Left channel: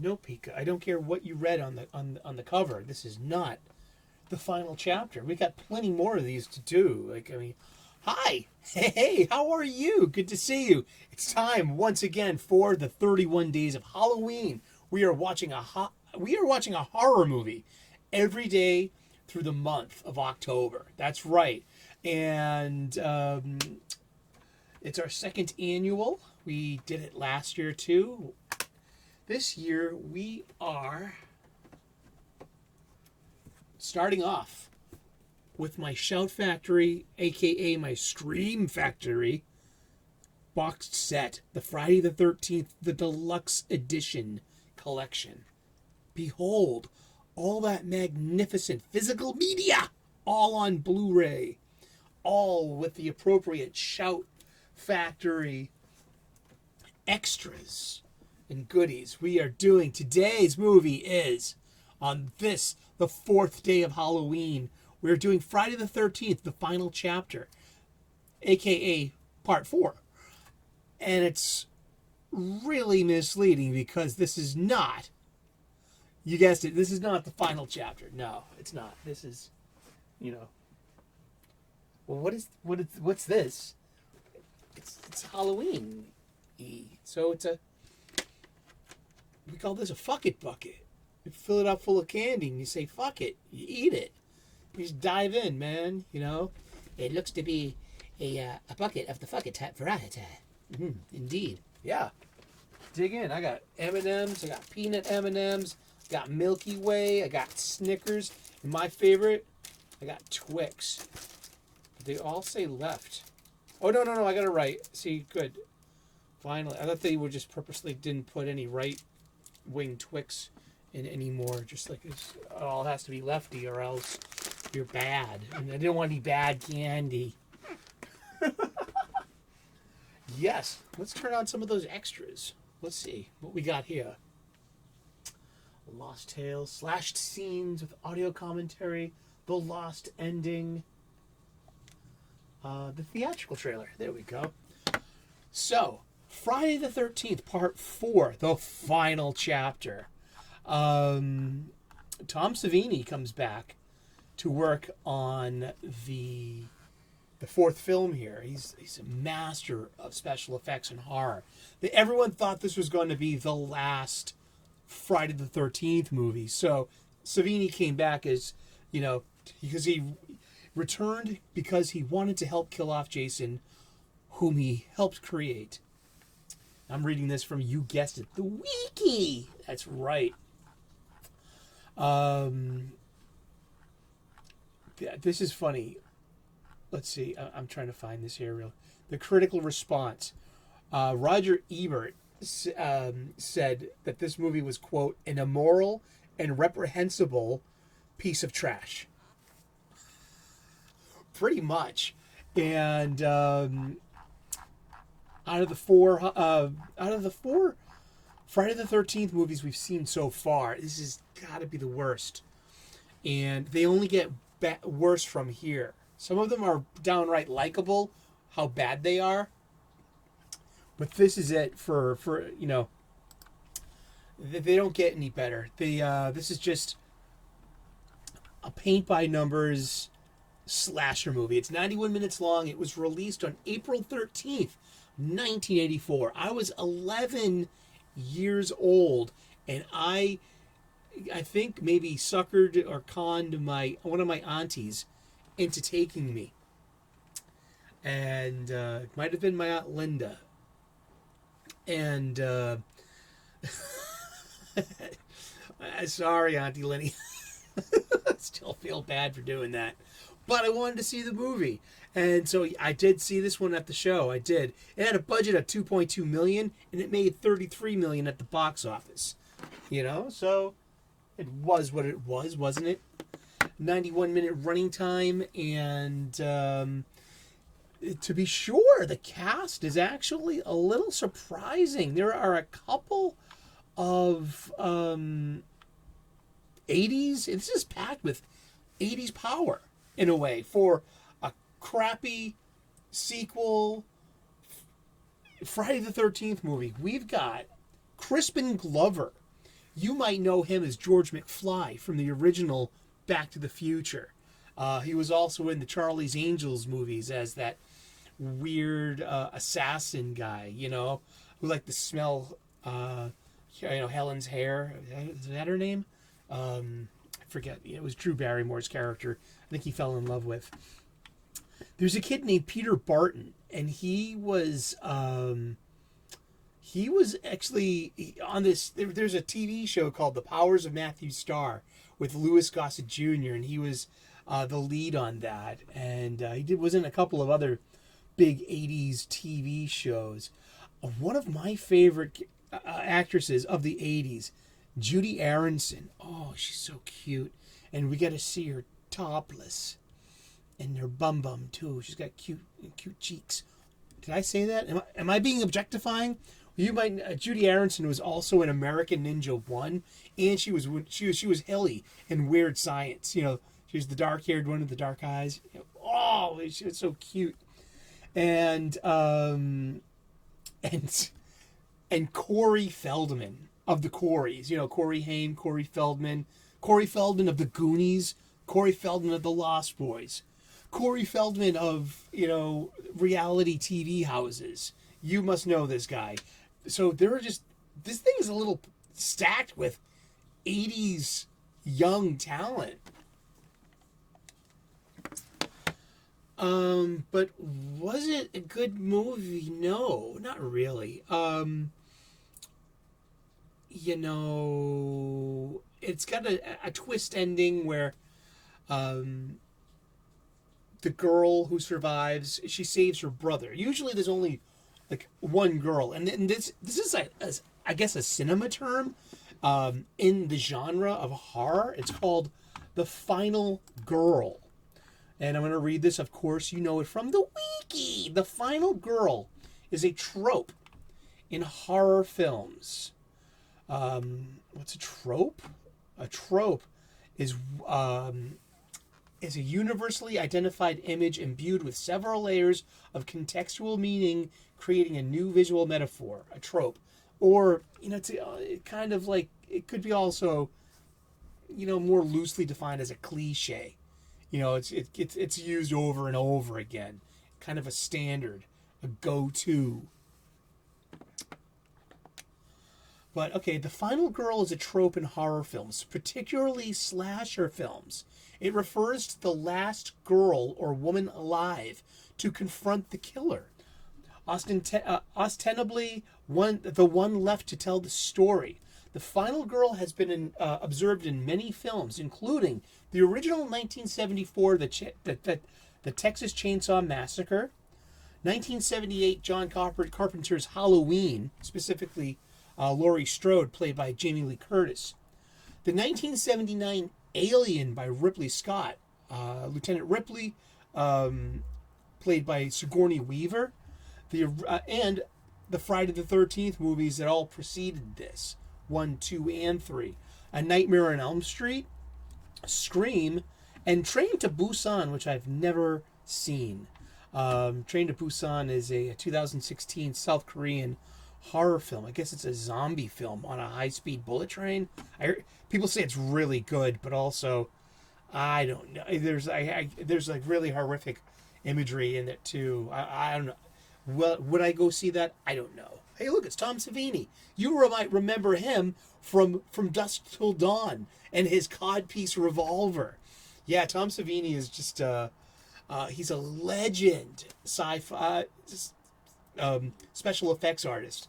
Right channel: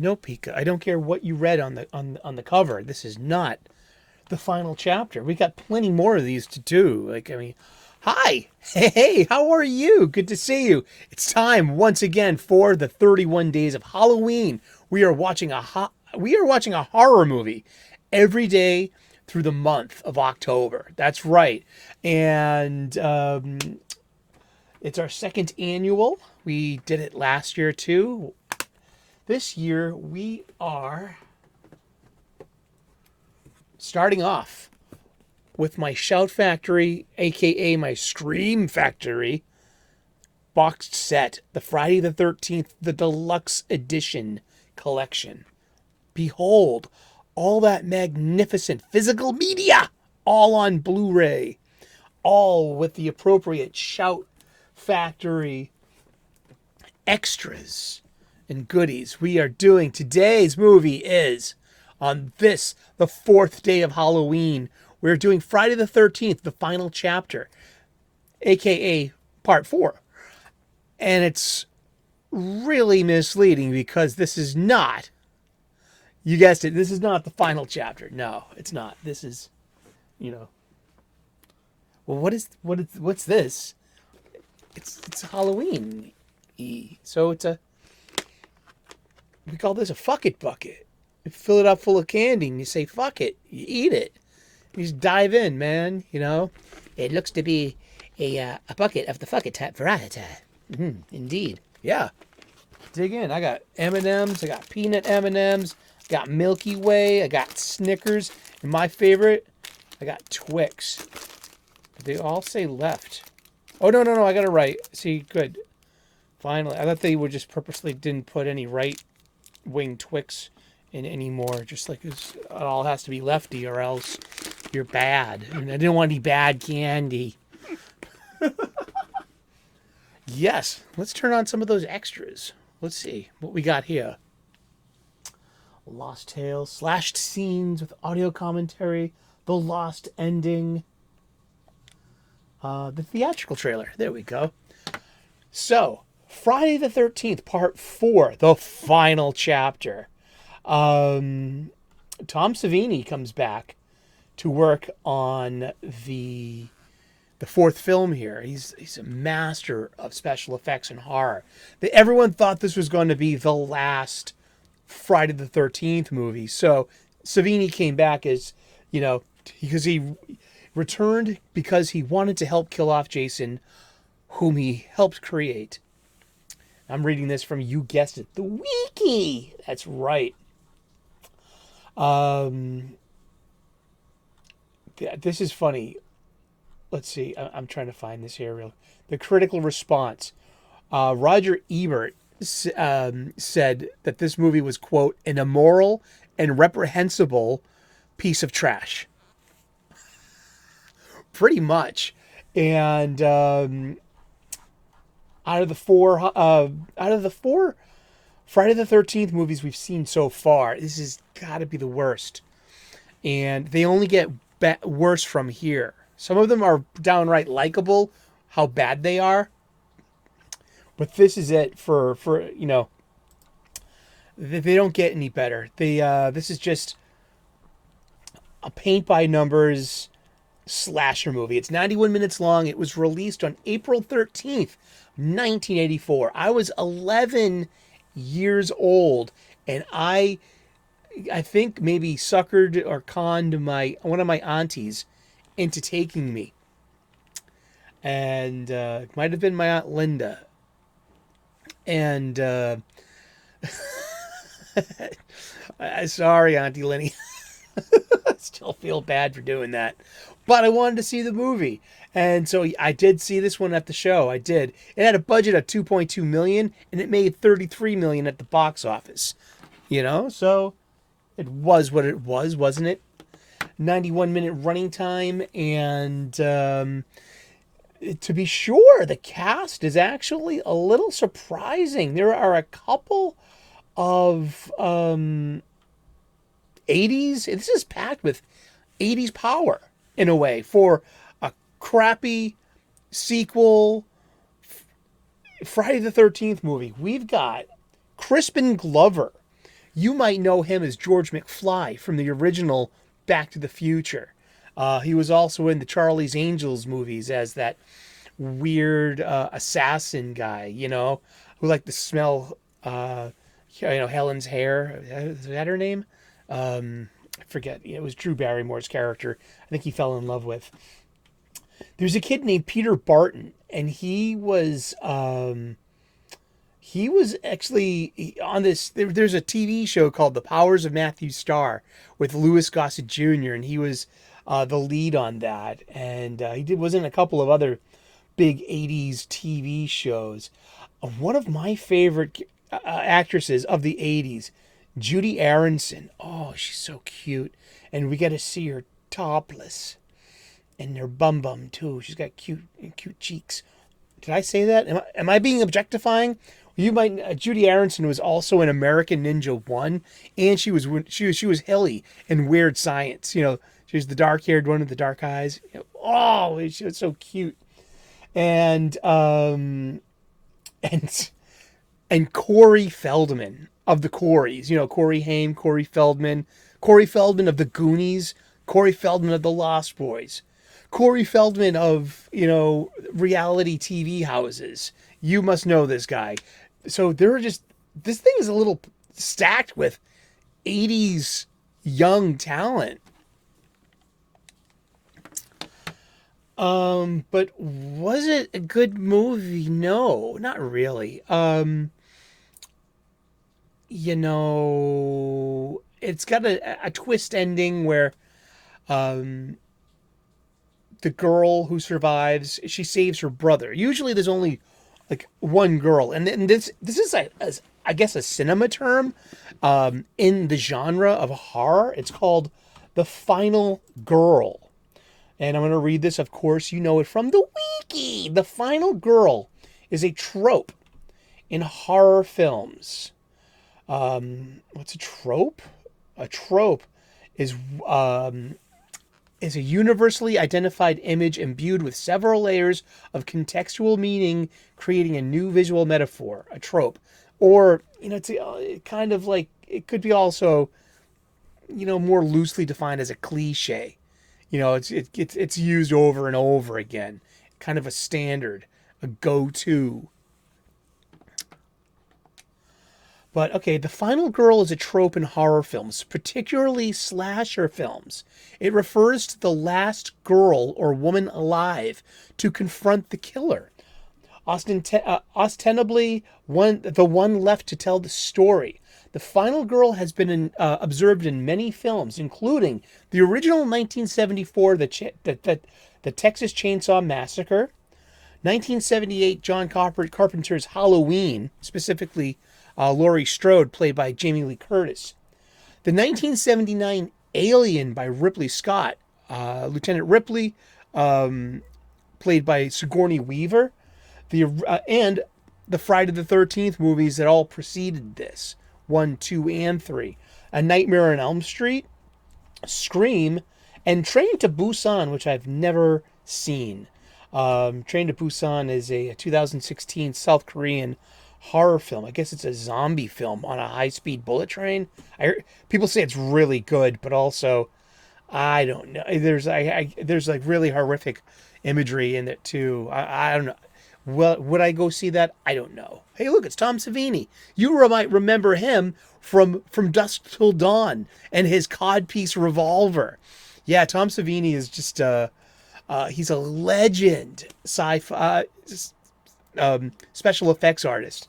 No, Pika. I don't care what you read on the cover. This is not the final chapter. We got plenty more of these to do. Like, I mean, hi, hey, how are you? Good to see you. It's time once again for the 31 days of Halloween. We are watching a horror movie every day through the month of October. That's right, and it's our second annual. We did it last year too. This year we are starting off with my Shout Factory, aka my Scream Factory, boxed set, the Friday the 13th, the deluxe edition collection. Behold, all that magnificent physical media, all on Blu ray, all with the appropriate Shout Factory extras and goodies. We are doing today's movie is on this, the fourth day of Halloween. We're doing Friday the 13th, the final chapter, aka part 4. And it's really misleading because this is not, you guessed it, this is not the final chapter. No, it's not. This is, well, what's this? It's Halloween. So we call this a fuck it bucket. You fill it up full of candy and you say fuck it. You eat it. You just dive in, man. It looks to be a bucket of the fuck it type variety. Indeed. Yeah. Dig in. I got M&Ms. I got peanut M&Ms. Got Milky Way. I got Snickers. And my favorite, I got Twix. They all say left. Oh, no. I got it right. See, good. Finally. I thought they would just purposely didn't put any right-wing Twix in anymore. Just like it all has to be lefty or else you're bad. And I didn't want any bad candy. Yes. Let's turn on some of those extras. Let's see what we got here. Lost Tales, slashed scenes with audio commentary, the lost ending, the theatrical trailer. There we go. So, Friday the 13th, part 4, the final chapter. Tom Savini comes back to work on the fourth film here. He's a master of special effects and horror. Everyone thought this was going to be the last Friday the 13th movie. So Savini came back as, because he returned because he wanted to help kill off Jason, whom he helped create. I'm reading this from, you guessed it, the wiki. That's right. This is funny. Let's see. I'm trying to find this here. The critical response. Roger Ebert said that this movie was, quote, an immoral and reprehensible piece of trash. Pretty much. And out of the four Friday the 13th movies we've seen so far, this has got to be the worst. And they only get worse from here. Some of them are downright likable, how bad they are. But this is it for they don't get any better. This is just a paint by numbers slasher movie. It's 91 minutes long. It was released on April 13th, 1984. I was 11 years old, and I think maybe suckered or conned one of my aunties into taking me. And it might have been my Aunt Linda. And sorry, Auntie Lenny. I still feel bad for doing that. But I wanted to see the movie. And so I did see this one at the show. I did. It had a budget of $2.2 million, and it made $33 million at the box office. So it was what it was, wasn't it? 91-minute running time, and to be sure, the cast is actually a little surprising. There are a couple of 80s. This is packed with 80s power in a way for a crappy sequel Friday the 13th movie. We've got Crispin Glover. You might know him as George McFly from the original Back to the Future. He was also in the Charlie's Angels movies as that weird assassin guy, who liked to smell, Helen's hair. Is that her name? I forget. It was Drew Barrymore's character. I think he fell in love with. There's a kid named Peter Barton, and he was actually on this. There's a TV show called The Powers of Matthew Starr with Louis Gossett Jr., and he was the lead on that. And was in a couple of other big '80s TV shows. One of my favorite actresses of the '80s, Judy Aronson. Oh, she's so cute, and we get to see her topless, and her bum bum too. She's got cute cheeks. Did I say that? Am I being objectifying? You might. Judy Aronson was also in American Ninja 1, and she was Hilly in Weird Science. She was the dark-haired one with the dark eyes. Oh, she was so cute. And and Corey Feldman of the Coreys. Corey Haim, Corey Feldman of the Goonies, Corey Feldman of the Lost Boys, Corey Feldman of reality TV houses. You must know this guy. So this thing is a little stacked with 80s young talent. But was it a good movie? No, not really. It's got a twist ending where the girl who survives, she saves her brother. Usually there's only like one girl, and this is I guess a cinema term in the genre of horror. It's called the final girl. And I'm going to read this. Of course, you know it from the wiki. The final girl is a trope in horror films. What's a trope? A trope is a universally identified image imbued with several layers of contextual meaning, creating a new visual metaphor. A trope, or it's kind of like it could be also, more loosely defined as a cliche. It's used over and over again, kind of a standard, a go-to. But okay, the final girl is a trope in horror films, particularly slasher films. It refers to the last girl or woman alive to confront the killer. Ostensibly, the one left to tell the story. The final girl has been observed in many films, including the original 1974, the Texas Chainsaw Massacre, 1978 John Carpenter's Halloween, specifically Laurie Strode, played by Jamie Lee Curtis, the 1979 Alien by Ripley Scott, Lieutenant Ripley, played by Sigourney Weaver, and the Friday the 13th movies that all preceded this. 1, 2, and 3. A Nightmare on Elm Street, Scream, and Train to Busan, which I've never seen. Train to Busan is a 2016 South Korean horror film. I guess it's a zombie film on a high-speed bullet train. People say it's really good, but also, I don't know. There's like really horrific imagery in it too. I don't know. Well, would I go see that? I don't know. Hey, look, it's Tom Savini. You might remember him from Dusk Till Dawn and his codpiece revolver. Yeah, Tom Savini is just he's a legend sci-fi special effects artist.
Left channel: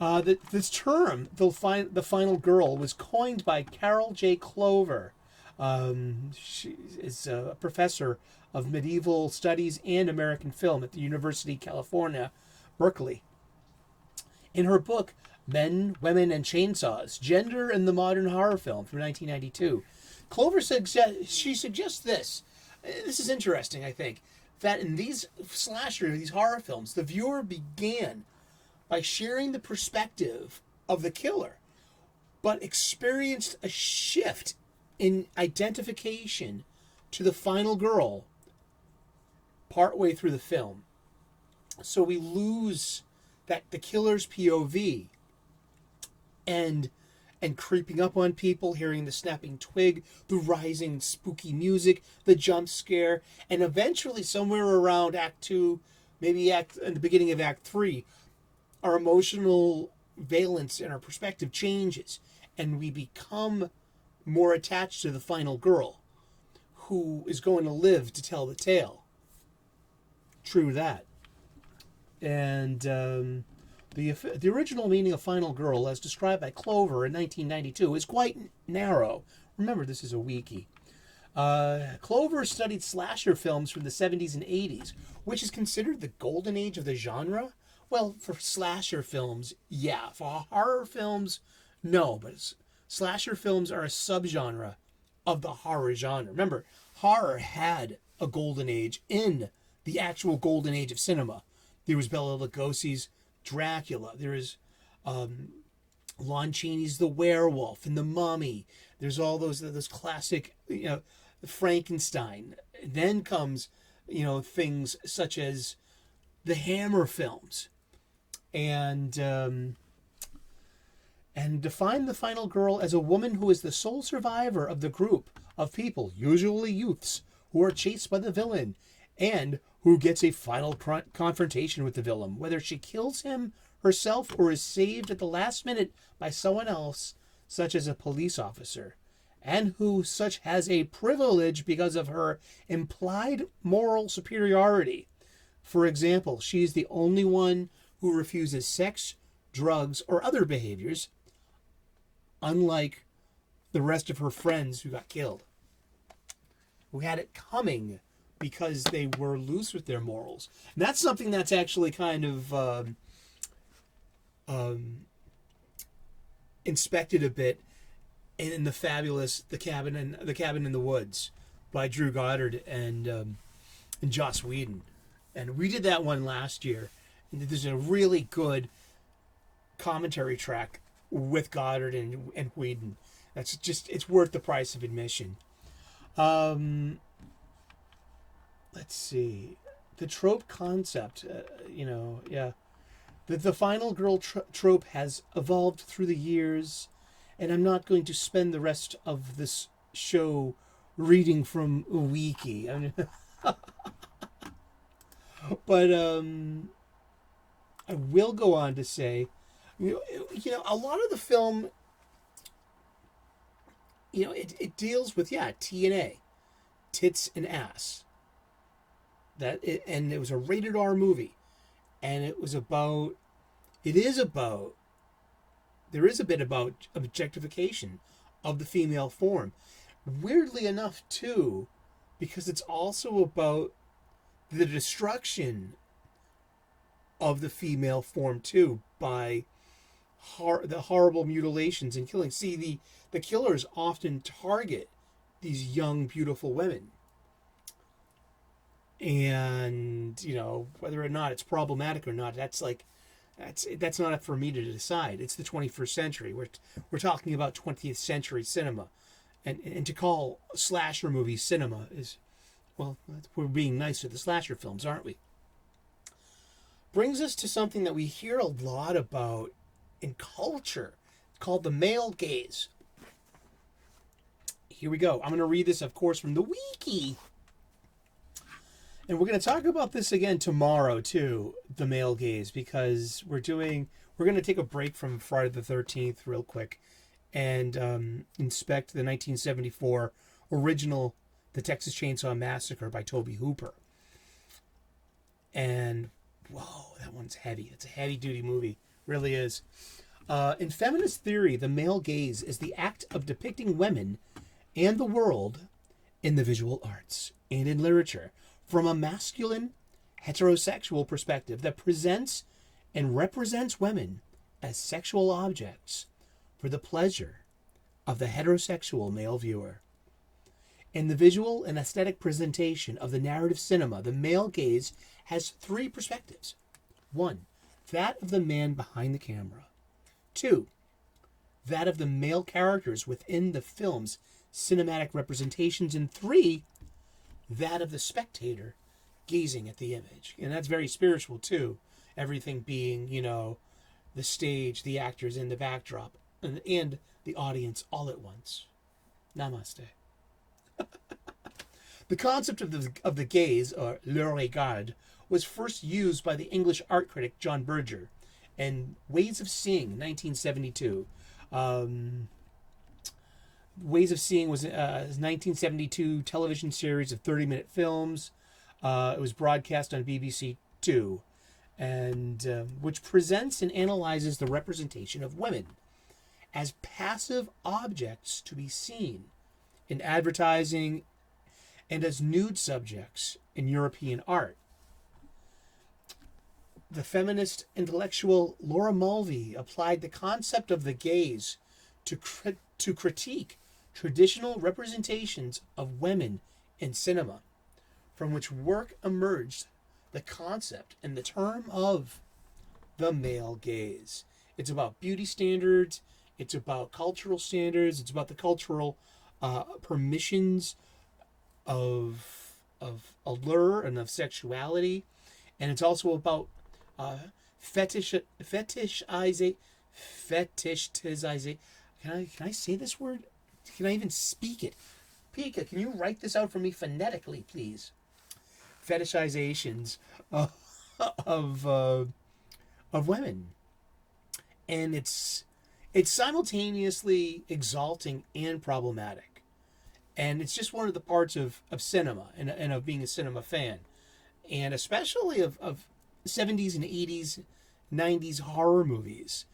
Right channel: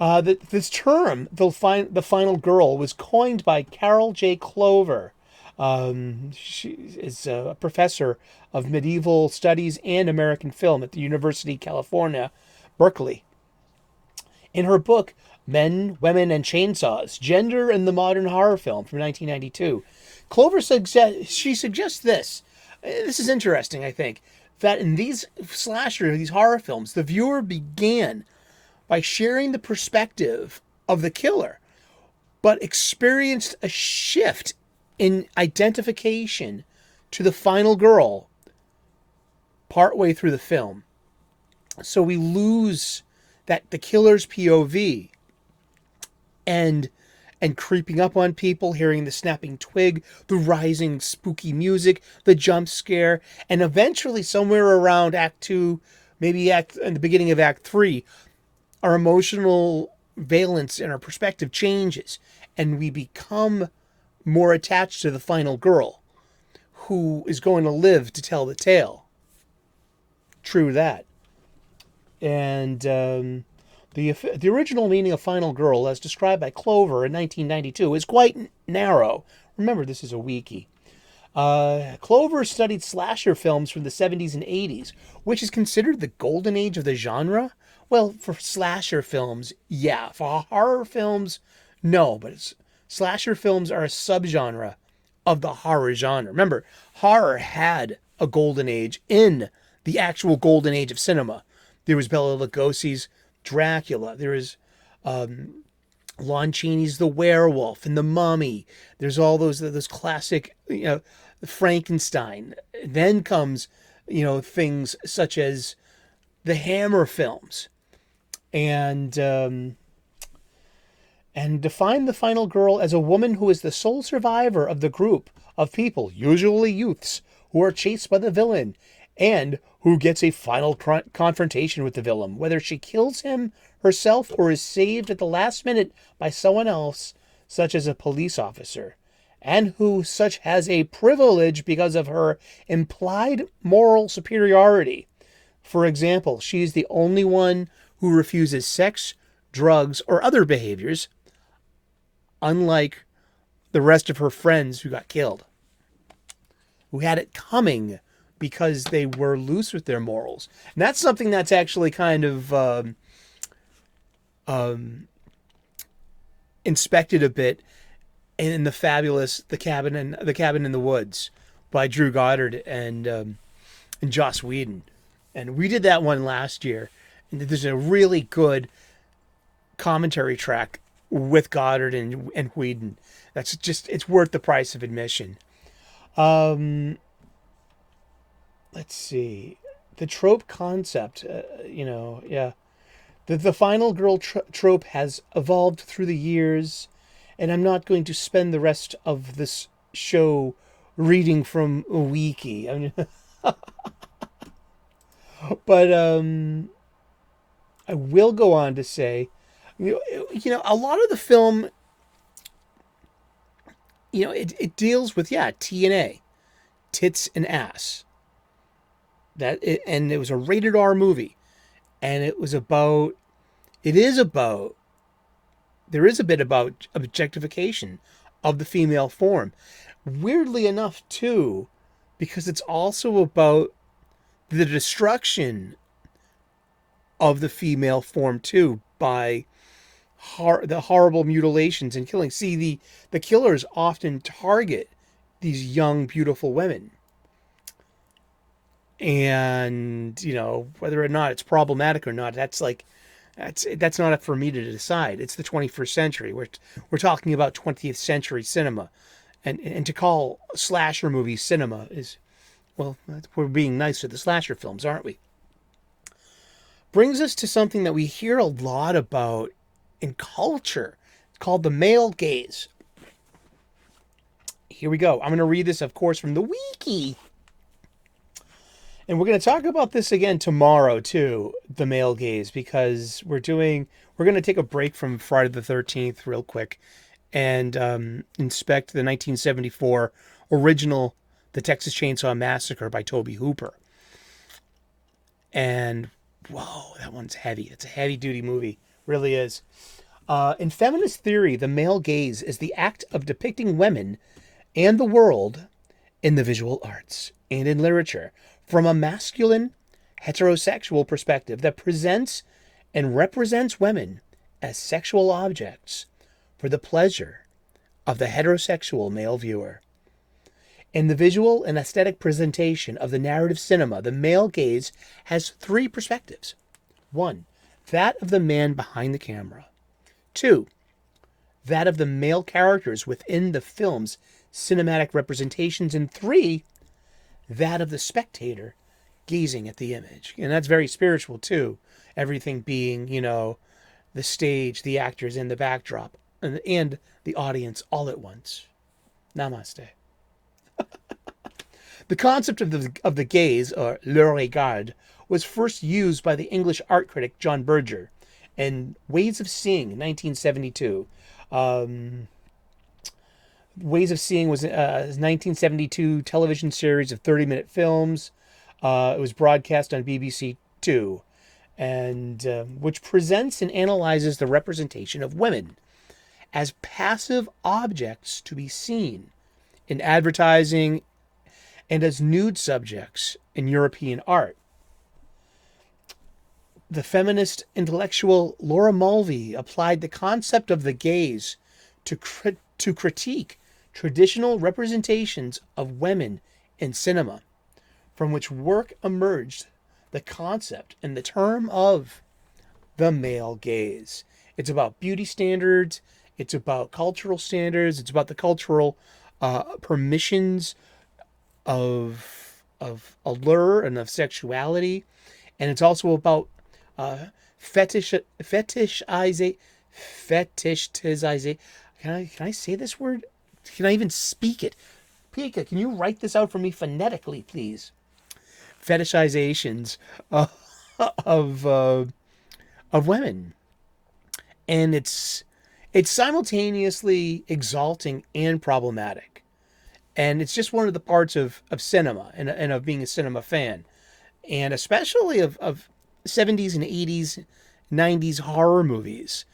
This term, the final girl, was coined by Carol J. Clover. She is a professor of medieval studies and American film at the University of California, Berkeley. In her book, Men, Women, and Chainsaws, Gender in the Modern Horror Film from 1992, Clover suggests this. This is interesting, I think, that in these horror films, the viewer began by sharing the perspective of the killer, but experienced a shift in identification to the final girl partway through the film. So we lose the killer's POV, and and creeping up on people, hearing the snapping twig, the rising spooky music, the jump scare, and eventually somewhere around Act 2, maybe in the beginning of Act 3, our emotional valence and our perspective changes, and we become more attached to the final girl who is going to live to tell the tale. True that. And the original meaning of final girl, as described by Clover in 1992, is quite narrow. Remember, this is a wiki. Clover studied slasher films from the 70s and 80s, which is considered the golden age of the genre. Well, for slasher films, yeah. For horror films, no. But slasher films are a subgenre of the horror genre. Remember, horror had a golden age in the actual golden age of cinema. There was Bela Lugosi's Dracula. There is Lon Chaney's The Werewolf and The Mummy. There's all those classic, Frankenstein. Then comes, things such as the Hammer films, and define the final girl as a woman who is the sole survivor of the group of people, usually youths, who are chased by the villain, and who gets a final confrontation with the villain, whether she kills him herself or is saved at the last minute by someone else, such as a police officer, and who such has a privilege because of her implied moral superiority. For example, she is the only one who refuses sex, drugs, or other behaviors, unlike the rest of her friends who got killed, who had it coming because they were loose with their morals. And that's something that's actually kind of inspected a bit in the fabulous The Cabin in the Woods by Drew Goddard and Joss Whedon. And we did that one last year. And there's a really good commentary track with Goddard and Whedon. It's worth the price of admission. Let's see. The trope concept, yeah. The final girl trope has evolved through the years, and I'm not going to spend the rest of this show reading from a wiki. I mean, but I will go on to say, a lot of the film, it deals with, T and A, tits and ass. And it was a rated R movie, and there is a bit about objectification of the female form. Weirdly enough, too, because it's also about the destruction of the female form, too, by the horrible mutilations and killing. See, the killers often target these young, beautiful women. And, whether or not it's problematic or not, that's not up for me to decide. It's the 21st century. We're talking about 20th century cinema. And to call slasher movies cinema is, well, we're being nice to the slasher films, aren't we? Brings us to something that we hear a lot about in culture. It's called the male gaze. Here we go. I'm going to read this, of course, from the wiki. And we're going to talk about this again tomorrow, too, the male gaze, because we're going to take a break from Friday the 13th real quick and inspect the 1974 original The Texas Chainsaw Massacre by Tobe Hooper. And, whoa, that one's heavy. It's a heavy-duty movie. Really is. In feminist theory, the male gaze is the act of depicting women and the world in the visual arts and in literature from a masculine, heterosexual perspective that presents and represents women as sexual objects for the pleasure of the heterosexual male viewer. In the visual and aesthetic presentation of the narrative cinema, the male gaze has three perspectives. 1, that of the man behind the camera. 2, that of the male characters within the film's cinematic representations. And 3, that of the spectator gazing at the image. And that's very spiritual too. Everything being, the stage, the actors, and the backdrop. and the audience all at once. Namaste. The concept of the gaze, or le regard, was first used by the English art critic John Berger in Ways of Seeing in 1972. Um, Ways of Seeing was a 1972 television series of 30-minute films. It was broadcast on BBC Two, and which presents and analyzes the representation of women as passive objects to be seen in advertising and as nude subjects in European art. The feminist intellectual Laura Mulvey applied the concept of the gaze to critique traditional representations of women in cinema, from which work emerged the concept and the term of the male gaze. It's about beauty standards, it's about cultural standards, it's about the cultural permissions of allure and of sexuality, and it's also about fetishizing. Can I say this word? Can I even speak it? Pika, can you write this out for me phonetically, please? Fetishizations of women, and it's simultaneously exalting and problematic, and it's just one of the parts of cinema and of being a cinema fan, and especially of 70s and 80s, 90s horror movies.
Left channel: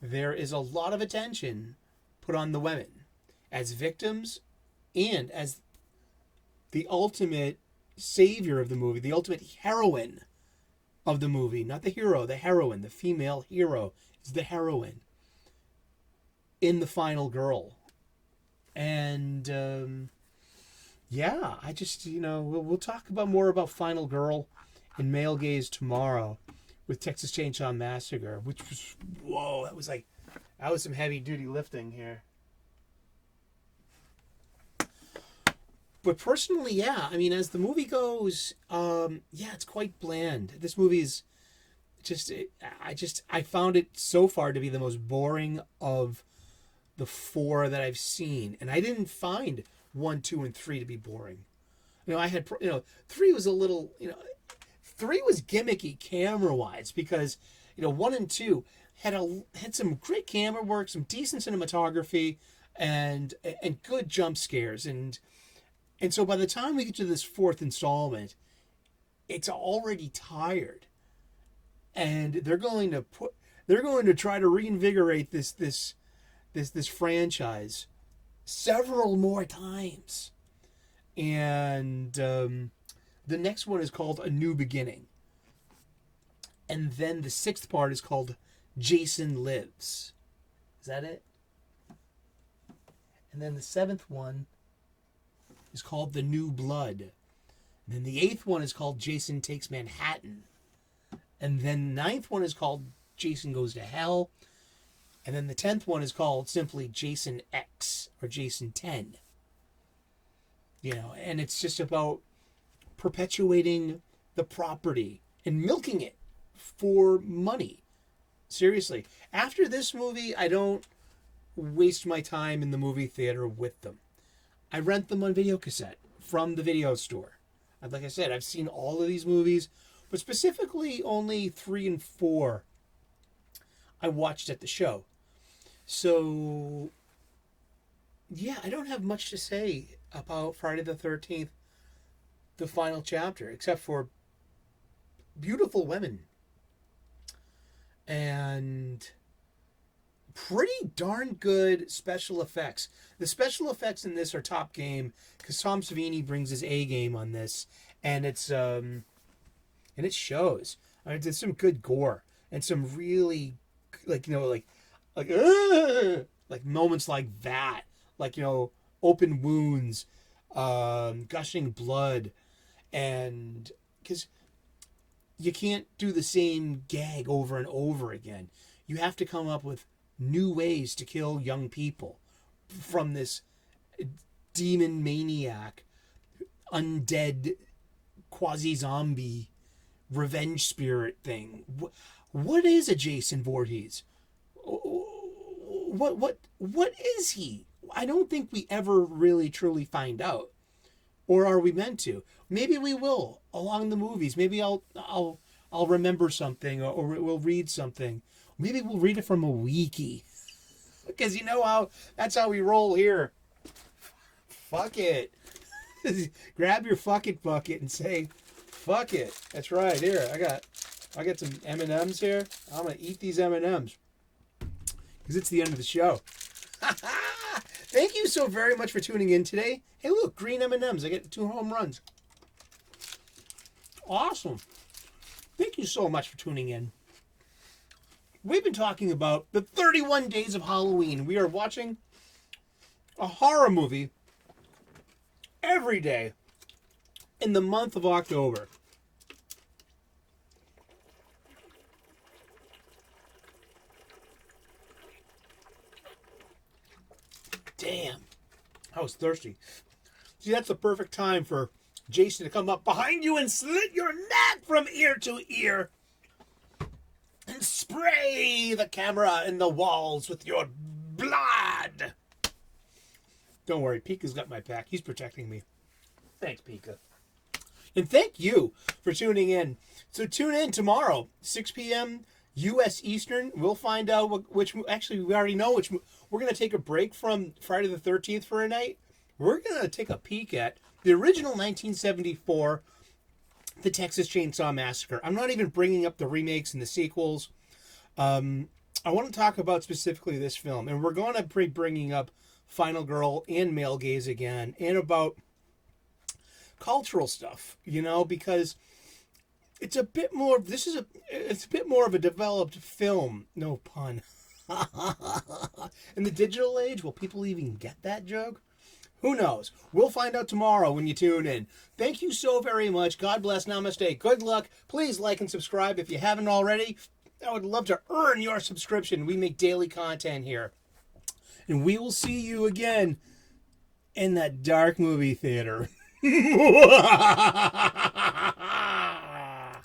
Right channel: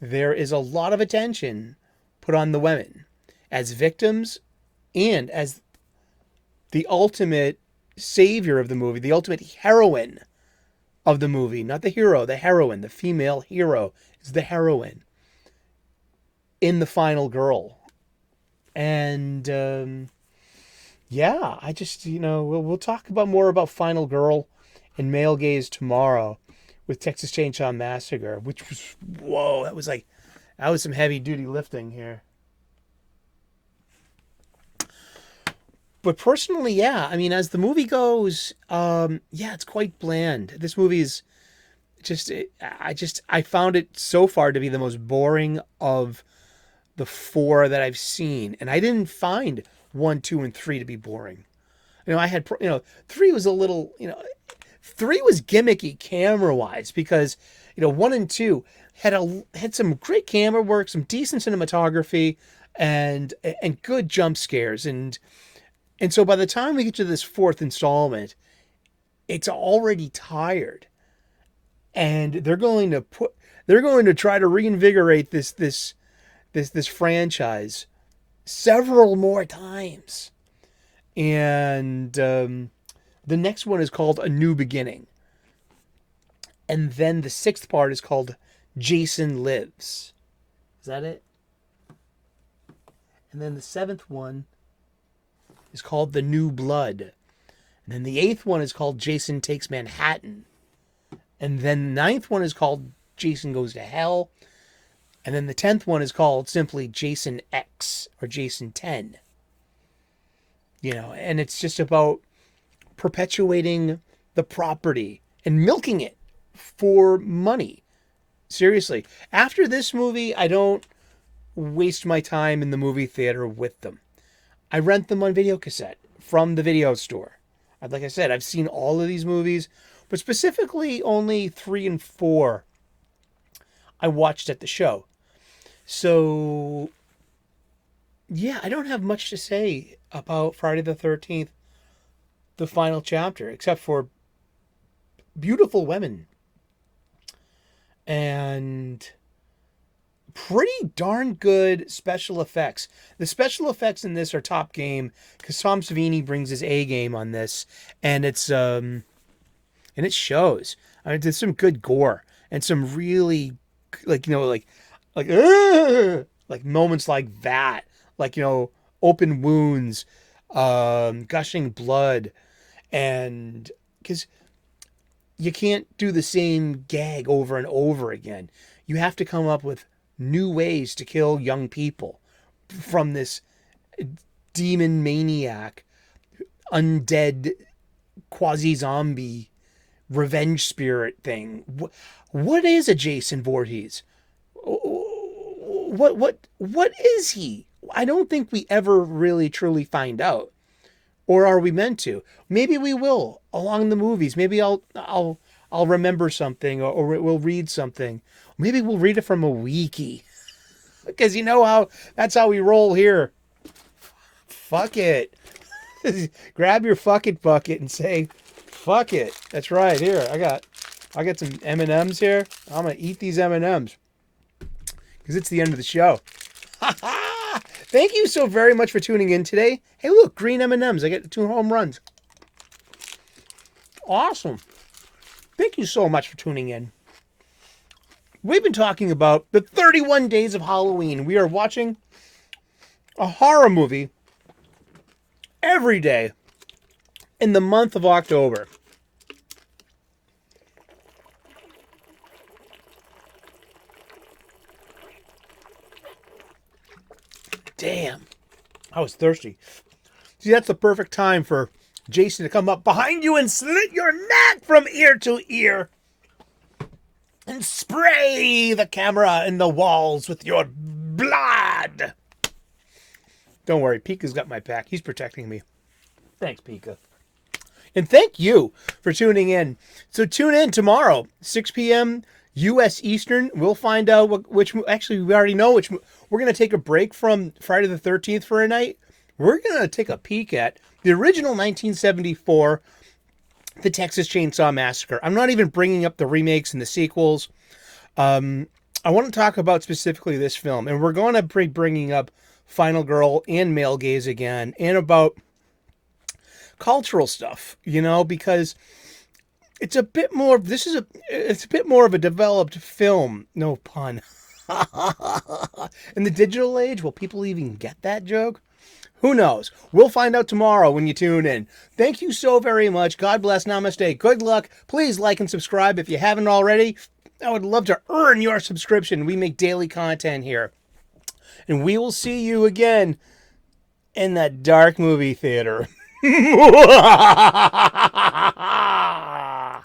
There is a lot of attention put on the women as victims and as the ultimate savior of the movie, the ultimate heroine of the movie, not the hero, the heroine, the female hero is the heroine in the final girl. And yeah, I just, we'll talk about more about Final Girl and male gaze tomorrow with Texas Chainsaw Massacre, which was, whoa, that was some heavy duty lifting here. But personally, yeah, I mean, as the movie goes, yeah, it's quite bland. This movie is I found it so far to be the most boring of the four that I've seen. And I didn't find 1, 2, and 3 to be boring. I had, 3 was a little, 3 was gimmicky camera-wise because, 1 and 2 had some great camera work, some decent cinematography, and good jump scares. And so by the time we get to this 4th installment, it's already tired. And they're going to try to reinvigorate this franchise several more times. And the next one is called A New Beginning. And then the 6th part is called Jason Lives. Is that it? And then the 7th one is called The New Blood. And then the 8th one is called Jason Takes Manhattan. And then the 9th one is called Jason Goes to Hell. And then the 10th one is called simply Jason X or Jason 10. And it's just about perpetuating the property and milking it for money. Seriously. After this movie, I don't waste my time in the movie theater with them. I rent them on video cassette from the video store. Like I said, I've seen all of these movies, but specifically only 3 and 4 I watched at the show. So, yeah, I don't have much to say about Friday the 13th, the final chapter, except for beautiful women. And pretty darn good special effects. The special effects in this are top game because Tom Savini brings his A game on this, and it shows. I mean, there's some good gore and some really like moments like that, open wounds, gushing blood, and because you can't do the same gag over and over again. You have to come up with new ways to kill young people from this demon maniac, undead, quasi-zombie, revenge spirit thing. What is a Jason Voorhees? what is he? I don't think we ever really truly find out. Or are we meant to? Maybe we will along the movies. Maybe I'll remember something, or we'll read something. Maybe we'll read it from a wiki. Because you know how that's how we roll here. Fuck it. Grab your fucking bucket and say, fuck it. That's right. Here, I got some M&Ms here. I'm gonna eat these M&Ms because it's the end of the show. Thank you so very much for tuning in today. Hey, look, green M&Ms. I get 2 home runs. Awesome. Thank you so much for tuning in. We've been talking about the 31 Days of Halloween. We are watching a horror movie every day in the month of October. Damn, I was thirsty. See, that's the perfect time for Jason to come up behind you and slit your neck from ear to ear and spray the camera and the walls with your blood. Don't worry, Pika's got my back. He's protecting me. Thanks, Pika. And thank you for tuning in. So tune in tomorrow, 6 p.m. U.S. Eastern. We'll find out which actually, we already know which. We're going to take a break from Friday the 13th for a night. We're going to take a peek at the original 1974, The Texas Chainsaw Massacre. I'm not even bringing up the remakes and the sequels. I want to talk about specifically this film. And we're going to be bringing up Final Girl and Male Gaze again. And about cultural stuff, because it's a bit more, it's a bit more of a developed film. No pun. In the digital age, will people even get that joke? Who knows? We'll find out tomorrow when you tune in. Thank you so very much. God bless. Namaste. Good luck. Please like and subscribe if you haven't already. I would love to earn your subscription. We make daily content here. And we will see you again in that dark movie theater.